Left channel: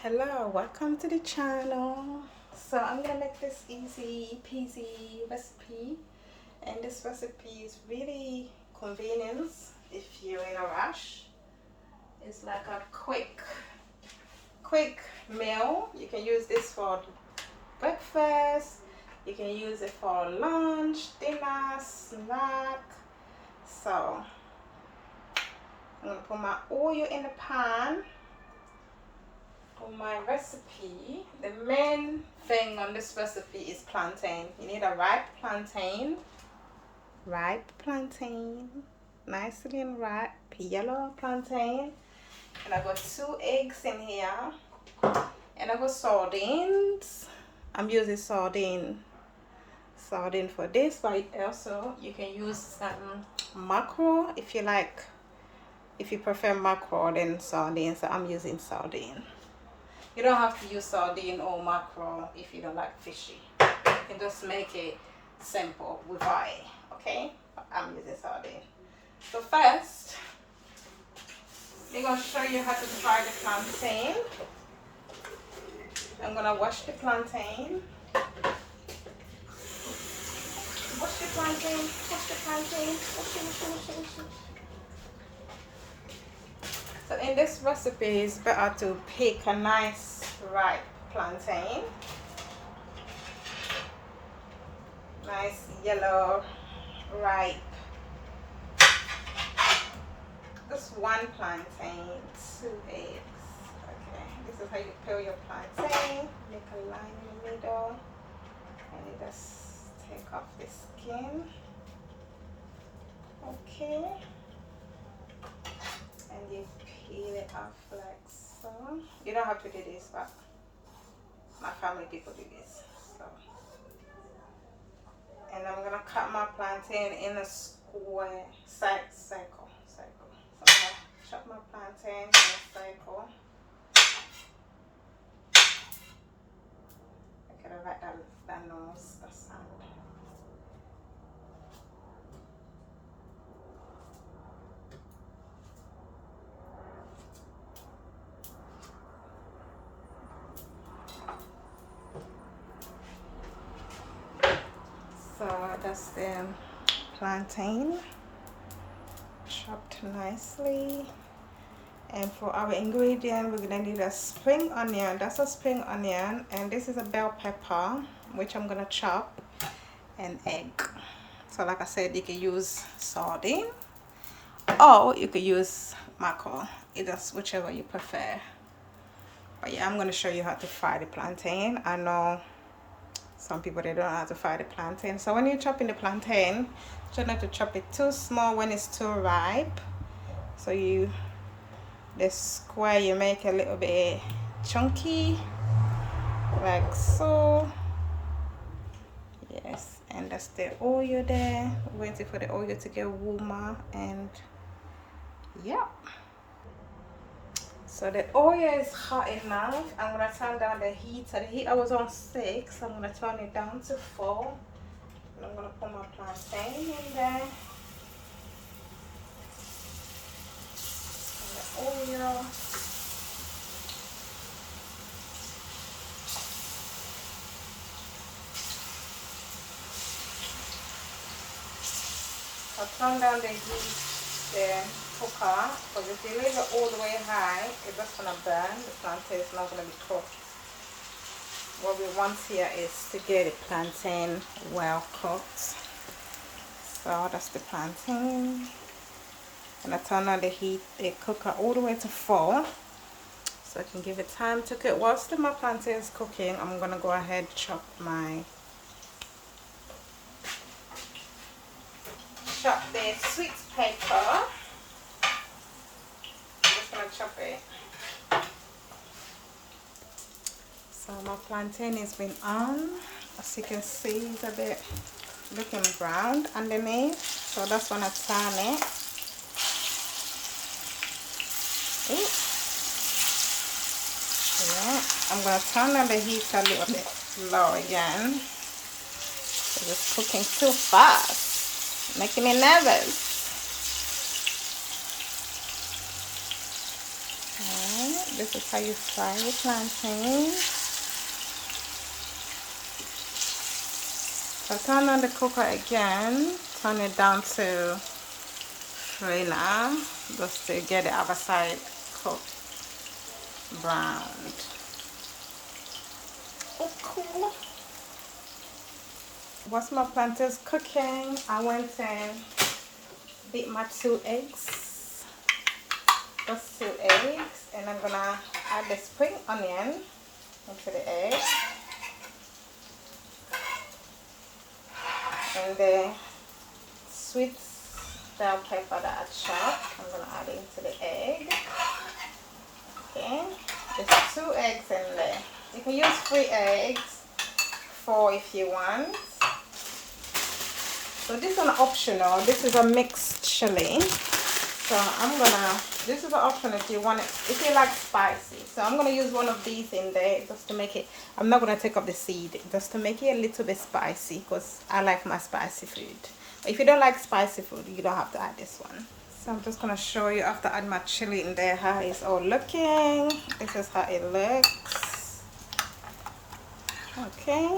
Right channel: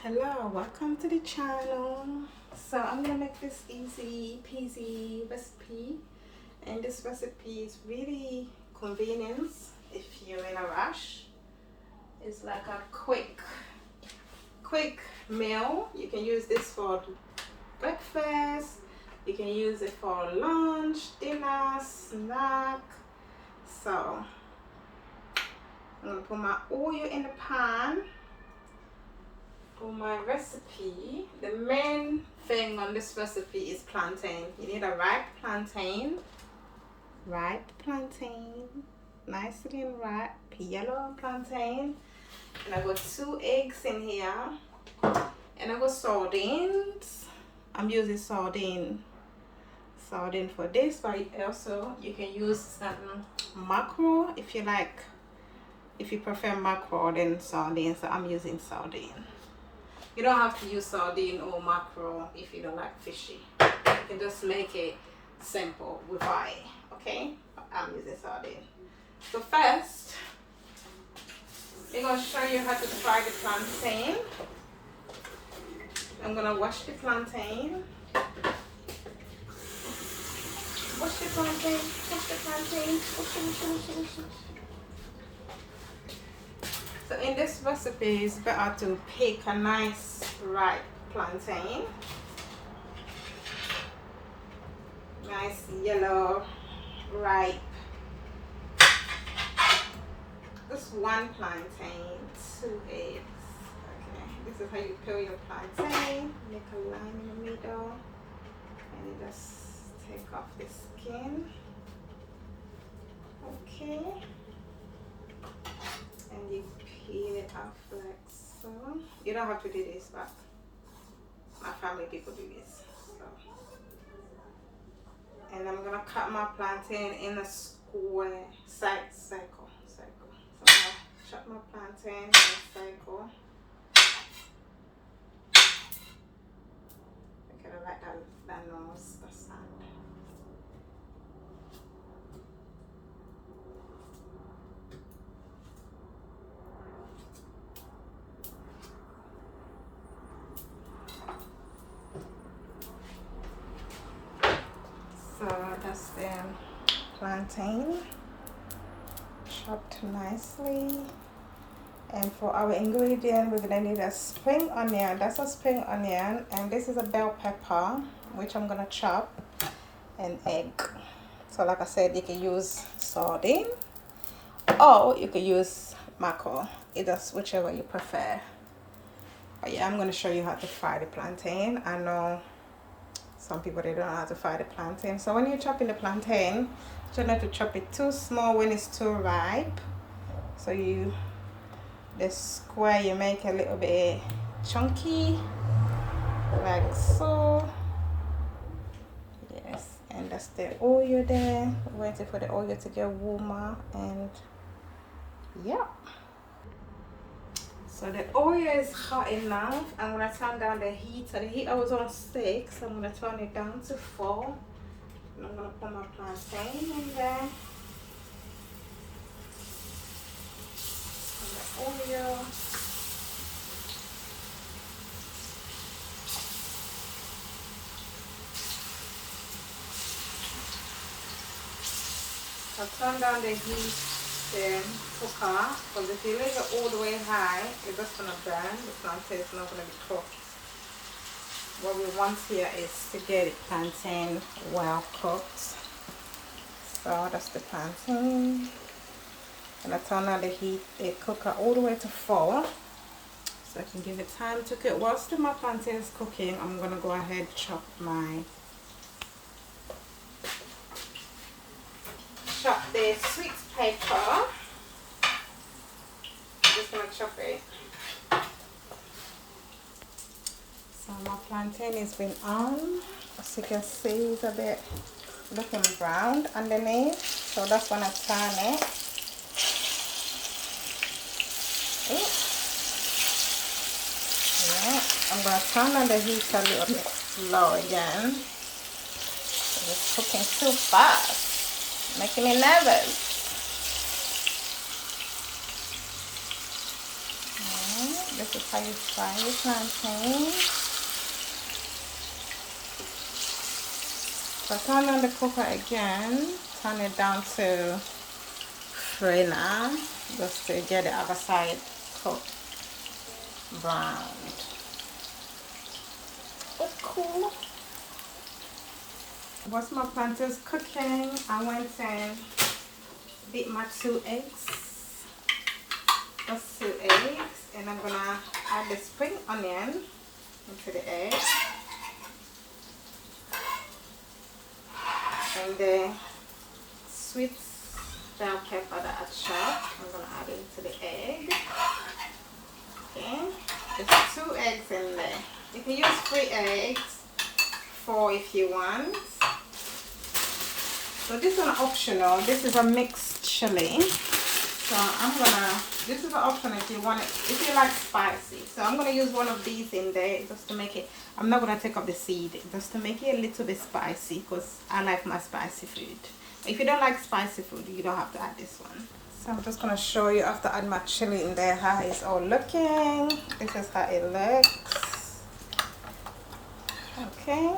Hello, welcome to the channel. So I'm gonna make this easy peasy recipe, and this recipe is really convenient if you're in a rush. It's like a quick meal. You can use this for breakfast, you can use it for lunch, dinner, snack. So I'm gonna put my oil in the pan. For my recipe, the main thing on this recipe is plantain. You need a ripe plantain, nicely and ripe, yellow plantain. And I got 2 eggs in here. And I got sardines. I'm using sardine for this, but also you can use mackerel if you like. If you prefer mackerel than sardine, so I'm using sardine. You don't have to use sardine or mackerel if you don't like fishy. You can just make it simple with oil, okay? I'm using sardine. So first, I'm going to show you how to fry the plantain. I'm going to wash the plantain. Wash the plantain. So in this recipe, it's better to pick a nice ripe plantain. Nice yellow, ripe. Just 1 plantain, 2 eggs. Okay, this is how you peel your plantain. Make a line in the middle. And you just take off the skin. Okay. And you peel it off like so. You don't have to do this, but my family people do this. So. And I'm gonna cut my plantain in a square circle. So I'm gonna chop my plantain in a circle. Okay, I like that nose, the sound. So that's the plantain chopped nicely. And for our ingredient, we're gonna need a spring onion. That's a spring onion, and this is a bell pepper, which I'm gonna chop, and egg. So like I said, you can use sardine or you can use mackerel. It's whichever you prefer. But yeah, I'm gonna show you how to fry the plantain. I know some people, they don't know how to fry the plantain. So when you're chopping the plantain, try not to chop it too small when it's too ripe. So the square you make a little bit chunky, like so. Yes, and that's the oil there. Waiting for the oil to get warmer, and yeah. So the oil is hot enough. I'm gonna turn down the heat. So the heat I was on 6. I'm gonna turn it down to 4. And I'm gonna put my plantain in there. And the oil. I'll turn down the heat, the cooker, because if you leave it all the way high, it's just gonna burn. The plantain is not gonna be cooked. What we want here is to get the plantain well cooked. So that's the plantain. And I turn on the heat, the cooker all the way to 4, so I can give it time to cook. Whilst my plantain is cooking, I'm gonna go ahead and chop the sweet pepper. I'm just gonna chop it. So my plantain has been on. As you can see, it's a bit looking brown underneath. So that's when I turn it. Yeah, I'm gonna turn on the heat a little bit low again. It's cooking too fast, making me nervous. This is how you fry your plantain. So turn on the cooker again. Turn it down to 3 now, just to get the other side cooked, browned. Oh, cool. Whilst my plantain's cooking, I went and beat my 2 eggs. Just 2 eggs, and I'm gonna add the spring onion into the egg, and the sweet bell pepper that I chopped. I'm gonna add it into the egg. Okay, there's 2 eggs in there. You can use 3 eggs, 4 if you want. So this one optional. This is a mixed chili. So this is an option if you want it, if you like spicy. So I'm gonna use one of these in there just to make it. I'm not gonna take up the seed, just to make it a little bit spicy, because I like my spicy food. If you don't like spicy food, you don't have to add this one. So I'm just gonna show you after I add my chili in there how it's all looking. This is how it looks. Okay.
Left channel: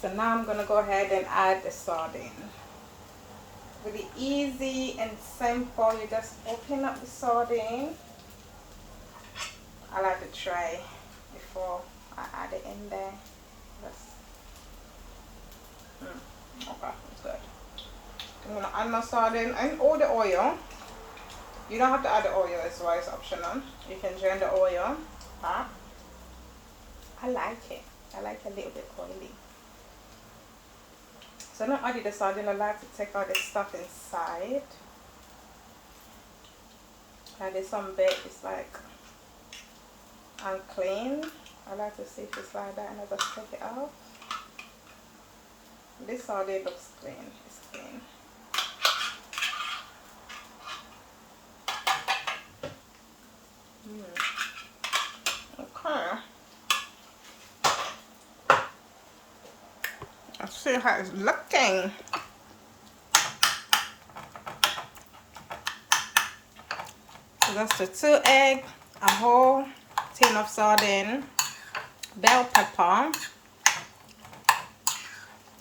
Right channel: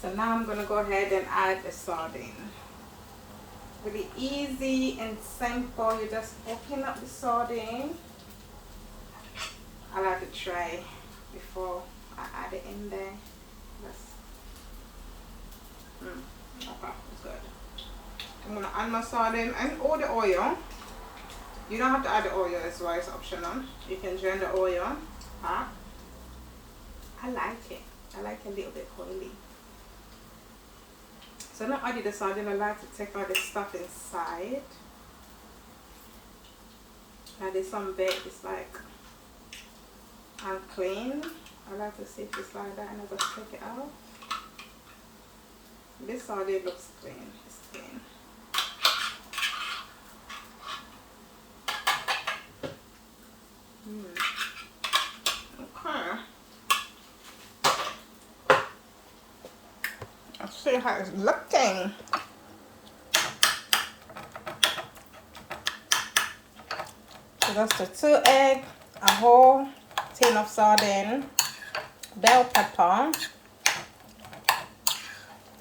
So now I'm gonna go ahead and add the sardine. Really easy and simple. You just open up the sardine. I like to try before I add it in there. Okay, that's good. I'm gonna add my sardine and all the oil. You don't have to add the oil as well, it's optional. You can drain the oil back. I like it. I like it a little bit oily. So not only the sardine, I like to take out the stuff inside. There's some bit it's like unclean. I like to see if it's like that, and I'll just take it out. This sardine looks clean. It's clean. Okay. Let's see how it's looking. So that's the 2 eggs, a whole tin of sardine, bell pepper,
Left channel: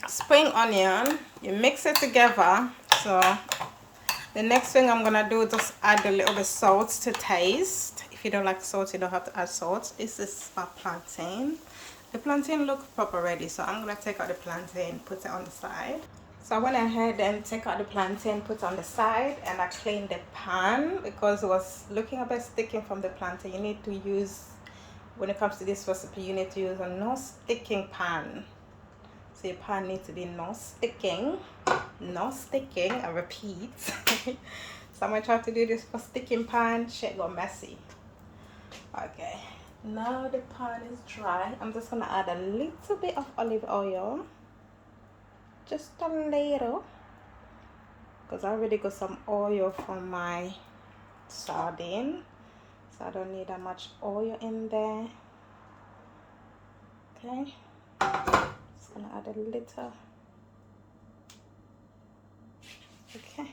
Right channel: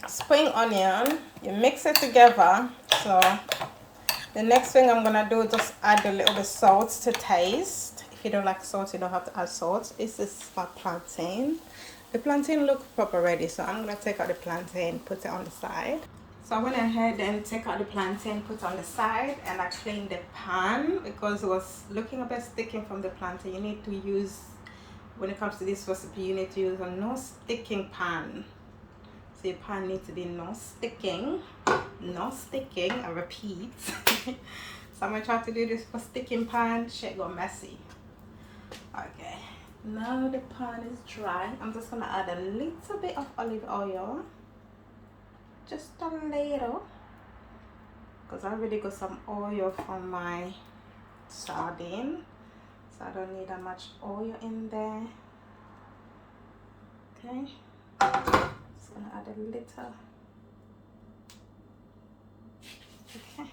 spring onion. You mix it together. So the next thing I'm gonna do is just add a little bit salt to taste. If you don't like salt, you don't have to add salt. This is my plantain. The plantain looks proper ready, so I'm gonna take out the plantain, put it on the side. So I went ahead and take out the plantain, put it on the side, and I cleaned the pan because it was looking a bit sticking from the plantain. You need to use, when it comes to this recipe, you need to use a non-sticking pan. So your pan needs to be non-sticking, I repeat. So I'm gonna try to do this for sticking pan, shit go messy. Okay, now the pan is dry. I'm just gonna add a little bit of olive oil. Just a little, because I already got some oil from my sardine, so I don't need that much oil in there. Okay, just gonna add a little. Okay.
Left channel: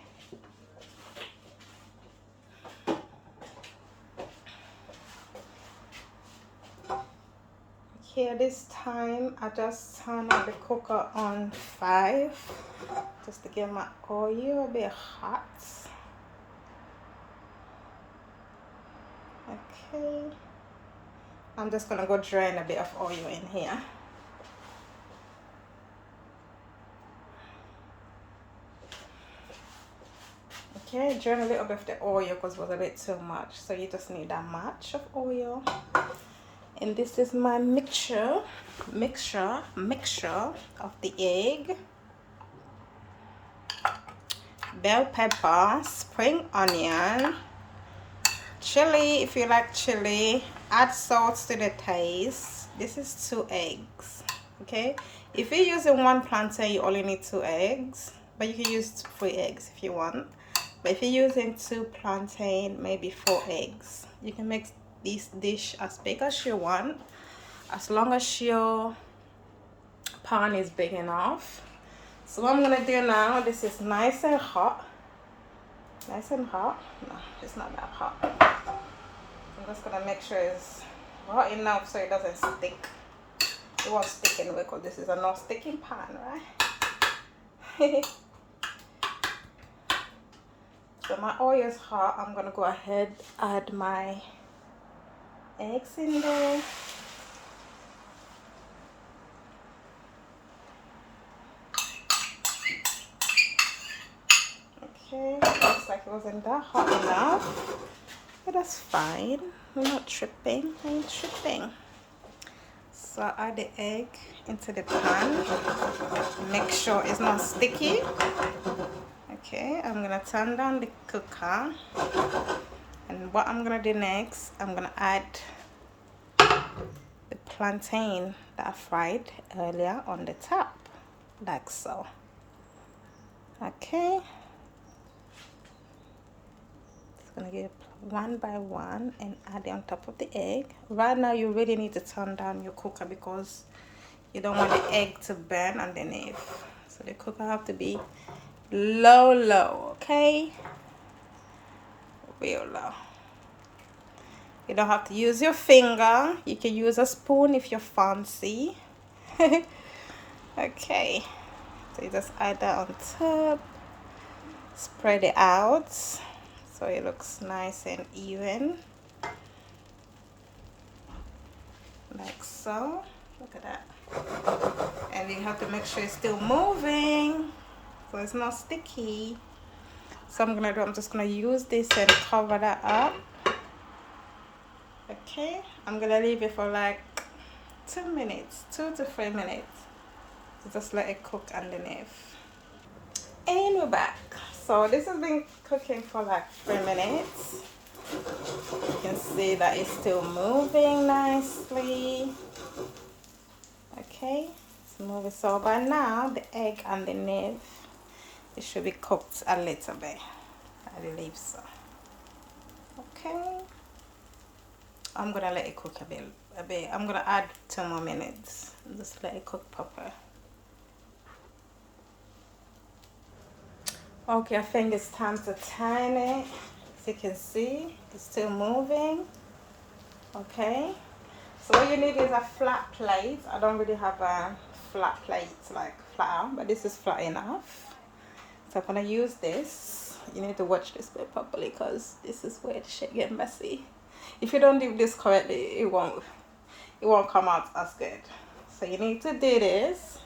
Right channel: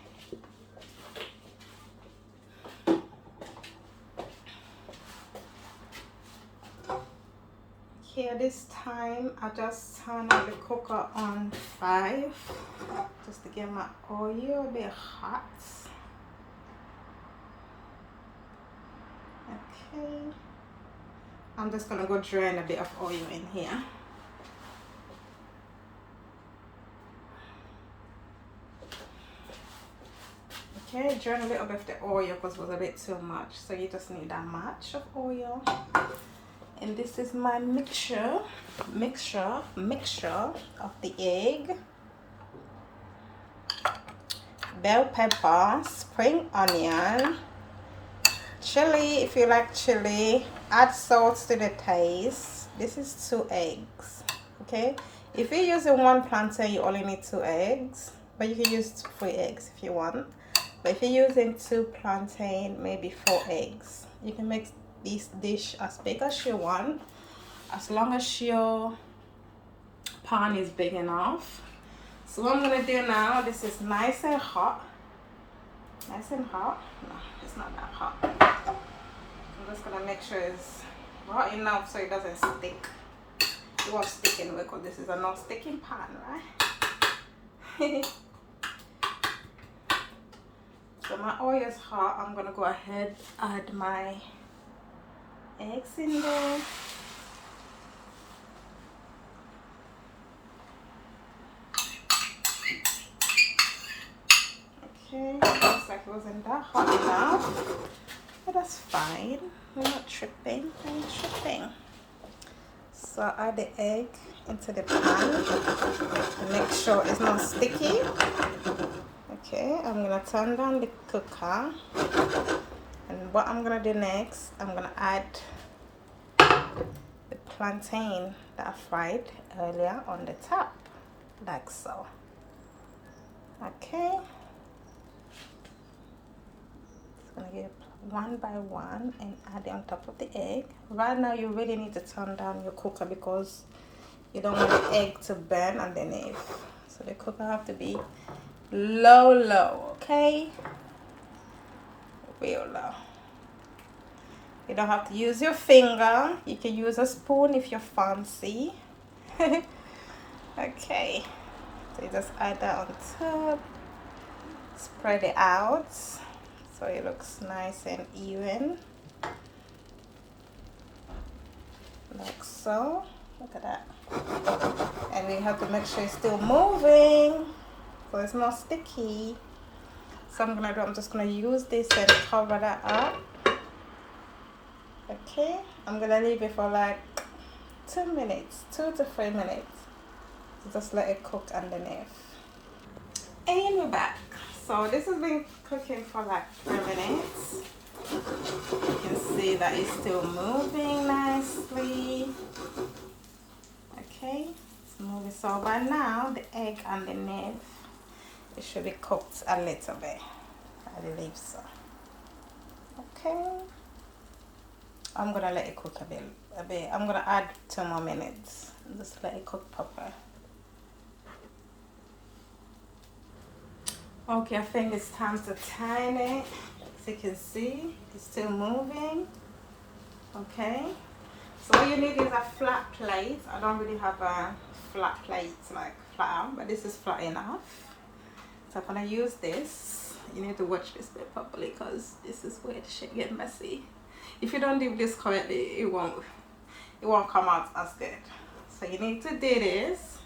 Here this time I just turned the cooker on 5 just to get my oil a bit hot. Okay, I'm just gonna go drain a bit of oil in here. Okay, drain a little bit of the oil because it was a bit too much, so you just need that much of oil. And this is my mixture of the egg, bell pepper, spring onion, chili if you like chili, add salt to the taste. This is 2 eggs. Okay, if you're using 1 plantain, you only need 2 eggs, but you can use 3 eggs if you want. But if you're using 2 plantain, maybe 4 eggs. You can make this dish as big as you want, as long as your pan is big enough. So what I'm gonna do now, this is nice and hot. Nice and hot. No, it's not that hot. I'm just gonna make sure it's hot enough so it doesn't stick. It won't stick anyway because this is a non-sticking pan, right? So my oil is hot. I'm gonna go ahead add my eggs in there. Okay, looks like it wasn't that hot enough, but that's fine. We're not tripping. We ain't tripping. So add the egg into the pan. Make sure it's not sticky. Okay, I'm gonna turn down the cooker. And what I'm gonna do next, I'm gonna add the plantain that I fried earlier on the top, like so. Okay. Just gonna get one by one and add it on top of the egg. Right now you really need to turn down your cooker because you don't want the egg to burn underneath. So the cooker have to be low, okay? Real low. You don't have to use your finger. You can use a spoon if you're fancy. Okay. So you just add that on top. Spread it out so it looks nice and even. Like so. Look at that. And you have to make sure it's still moving so it's not sticky. So I'm just gonna use this and cover that up. Okay, I'm gonna leave it for like 2 minutes, 2 to 3 minutes. Just let it cook underneath. And we're back. So this has been cooking for like 3 minutes. You can see that it's still moving nicely. Okay, it's moving. So by now the egg underneath, it should be cooked a little bit. I believe so. Okay, I'm gonna let it cook a bit. I'm gonna add 2 more minutes. Just let it cook proper. Okay, I think it's time to turn it. As you can see, it's still moving. Okay, so what you need is a flat plate. I don't really have a flat plate like flat out, but this is flat enough. So I'm gonna use this. You need to watch this bit properly because this is where the shit get messy. If you don't do this correctly, it won't come out as good. So you need to do this.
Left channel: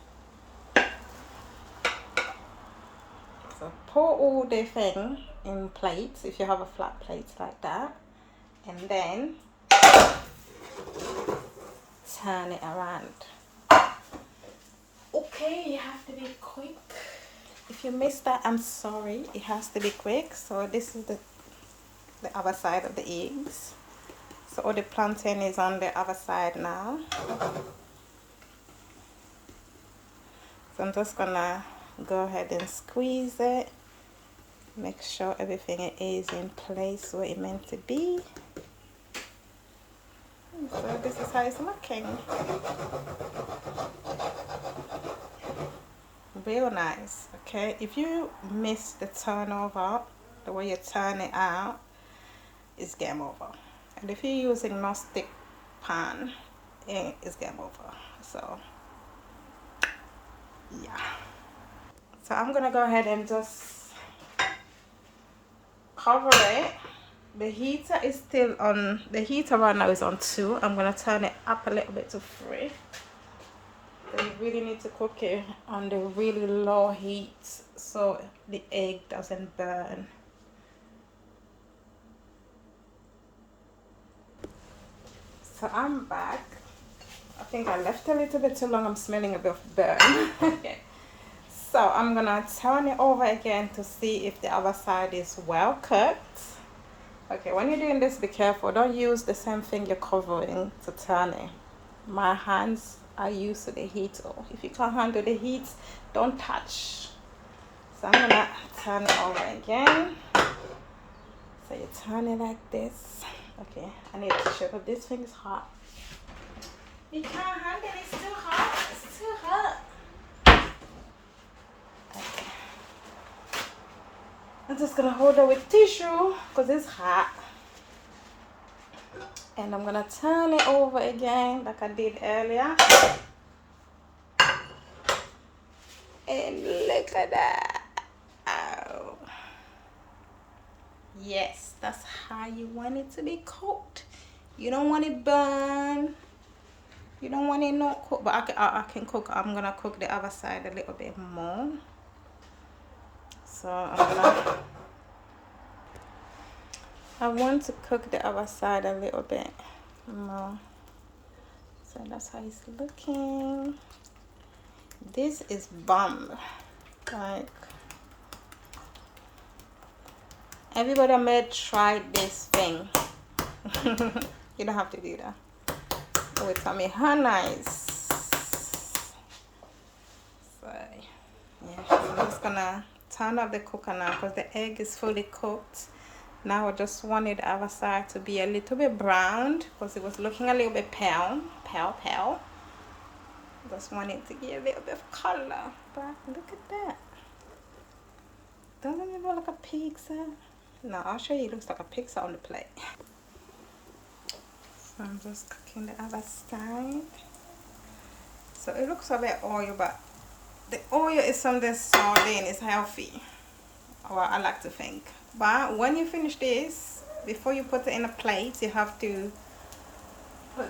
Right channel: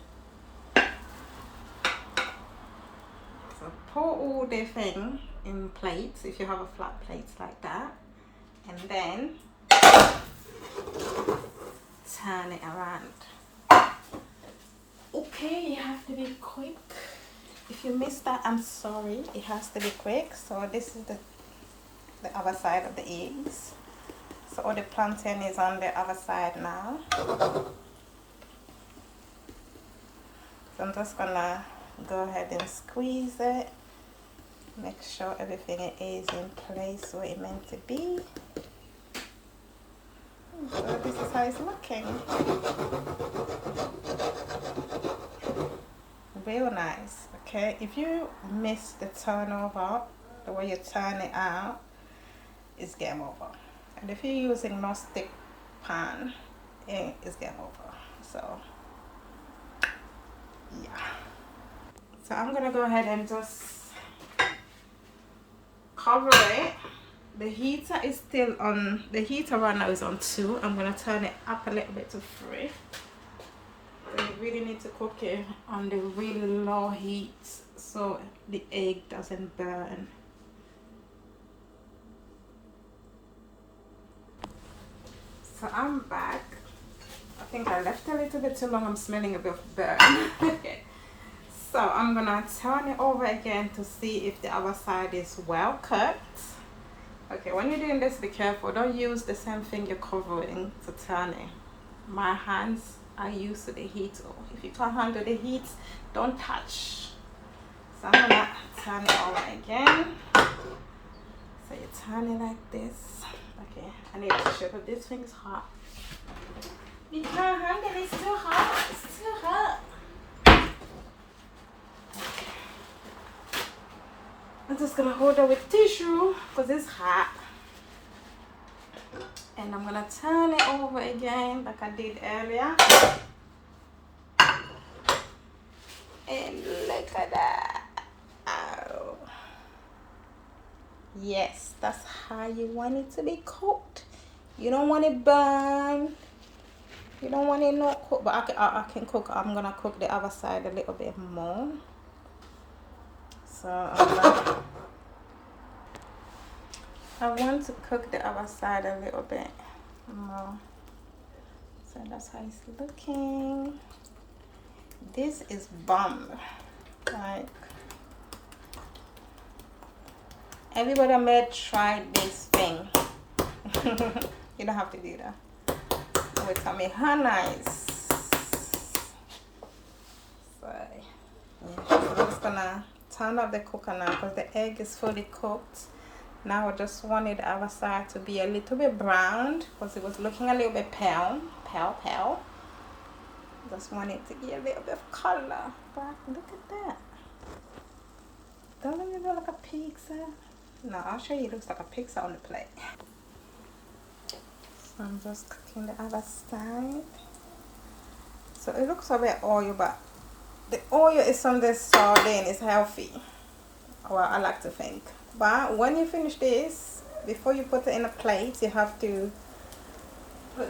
So pour all the thing in plates if you have a flat plate like that, and then turn it around. Okay, you have to be quick. If you missed that, I'm sorry. It has to be quick. So this is the other side of the eggs. So all the plantain is on the other side now. So I'm just gonna go ahead and squeeze it. Make sure everything is in place where it's meant to be. So this is how it's looking. Real nice. Okay, if you miss the turnover, the way you turn it out, it's game over. And if you're using non-stick pan, it's game over. So yeah. So I'm gonna go ahead and just cover it. The heater is still on. The heater right now is on 2. I'm gonna turn it up a little bit to 3. So you really need to cook it on the really low heat so the egg doesn't burn. So I'm back. I think I left a little bit too long. I'm smelling a bit of burn. So I'm gonna turn it over again to see if the other side is well cooked. Okay, when you're doing this, be careful. Don't use the same thing you're covering to turn it. My hands are used to the heat. If you can't handle the heat, don't touch. So I'm gonna turn it over again. So you turn it like this. Okay, I need to check if this thing is hot. You can't handle it, it's too hot. It's too hot. Okay. I'm just gonna hold it with tissue because it's hot. And I'm gonna turn it over again like I did earlier. And look at that. Oh. Yes, that's how you want it to be cooked. You don't want it burned. You don't want it not cooked, but I can cook. I'm gonna cook the other side a little bit more. So I want to cook the other side a little bit more. So that's how it's looking. This is bomb. Like, everybody may try this thing. You don't have to do that. It will tell me how nice. So yeah, so I'm just gonna turn up the cooker now because the egg is fully cooked. Now I just wanted the other side to be a little bit browned because it was looking a little bit pale. Just wanted to get a little bit of color. But look at that. Doesn't it look like a pizza? No, I'll show you. It looks like a pizza on the plate. So I'm just cooking the other side. So it looks a bit oil, but the oil is from the sardine. It's healthy. Well, I like to think. But when you finish this, before you put it in a plate, you have to put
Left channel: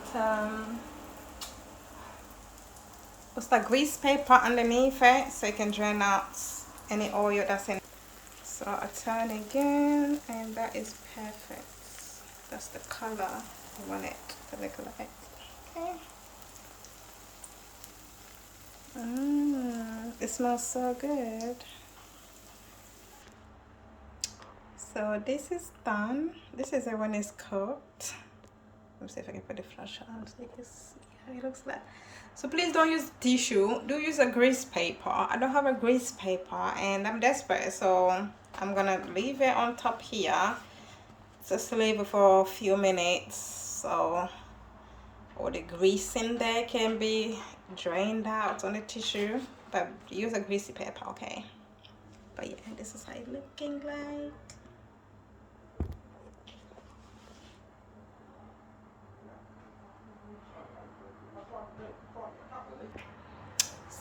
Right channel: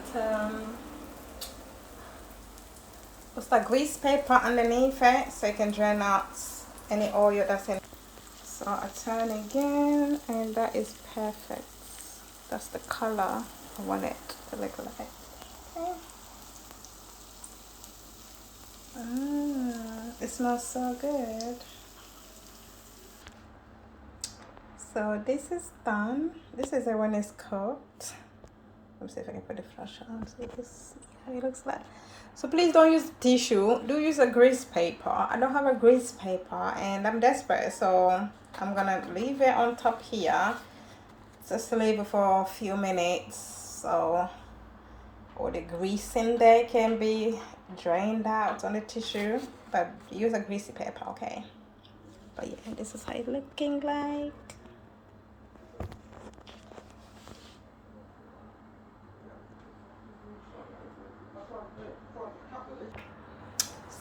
what's that, grease paper underneath it so you can drain out any oil that's in it. So I turn again, and that is perfect. That's the color I want it to look like. Okay. It smells so good. So this is done. This is it when it's cooked. Let me see if I can put the flash on so you can see how it looks like. So please don't use tissue. Do use a grease paper. I don't have a grease paper and I'm desperate, so I'm gonna leave it on top here. Just leave it for a few minutes so all the grease in there can be drained out on the tissue. But use a greasy paper, okay? But yeah, this is how it's looking like.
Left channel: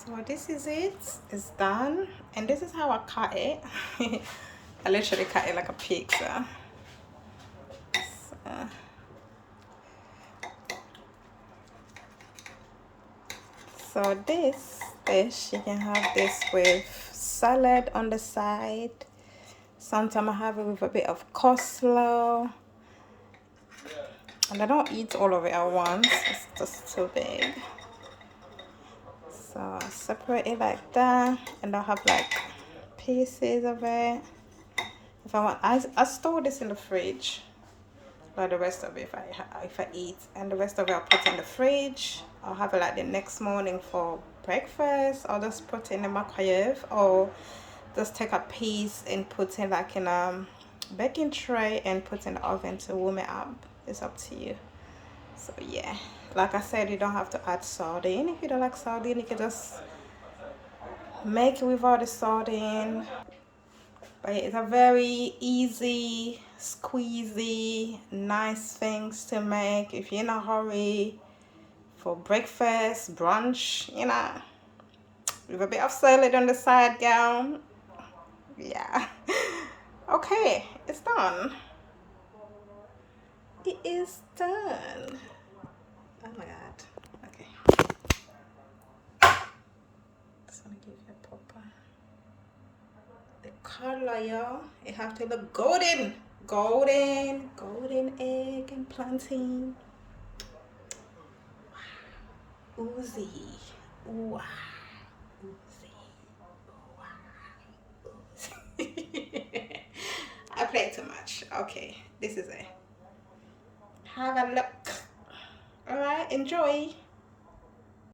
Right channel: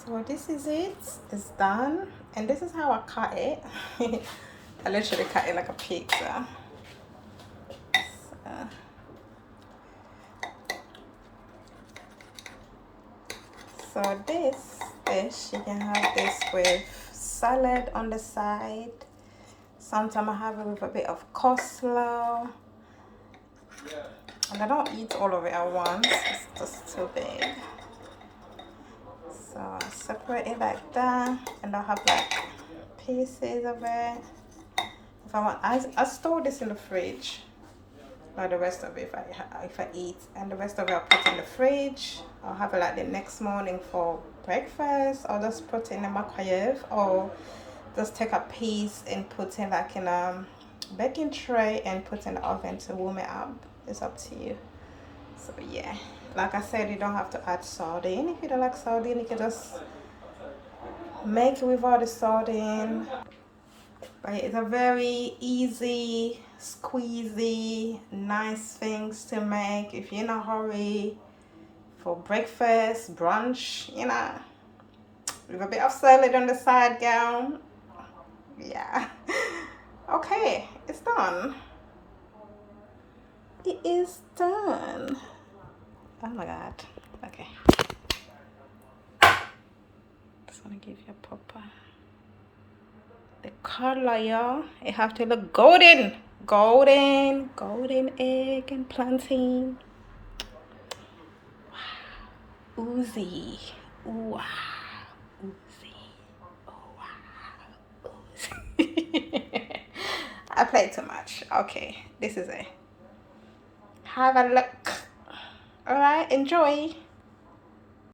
So this is it. It's done, and this is how I cut it. I literally cut it like a pizza. So this dish, you can have this with salad on the side. Sometimes I have it with a bit of coleslaw. And I don't eat all of it at once. It's just too big. So I separate it like that, and I have like pieces of it. If I want, I store this in the fridge. But the rest of it, if I eat, and the rest of it I'll put in the fridge. I'll have it like the next morning for breakfast. I'll just put it in the microwave, or just take a piece and put it like in a baking tray and put in the oven to warm it up. It's up to you. So yeah, like I said, you don't have to add sardine. If you don't like sardine, you can just make it without the sardine. But it's a very easy, squeezy, nice things to make if you're in a hurry for breakfast, brunch, you know, with a bit of salad on the side, girl. Yeah. Okay, it's done. It is done. Oh my god. Okay. Just want to give you a proper. The color, y'all. It have to look golden. Golden egg and plantain. Wow. Oozy. Wow. Oozy. Oh, wow. Oozy. I play too much. Okay, this is it. Have a look. All right, enjoy.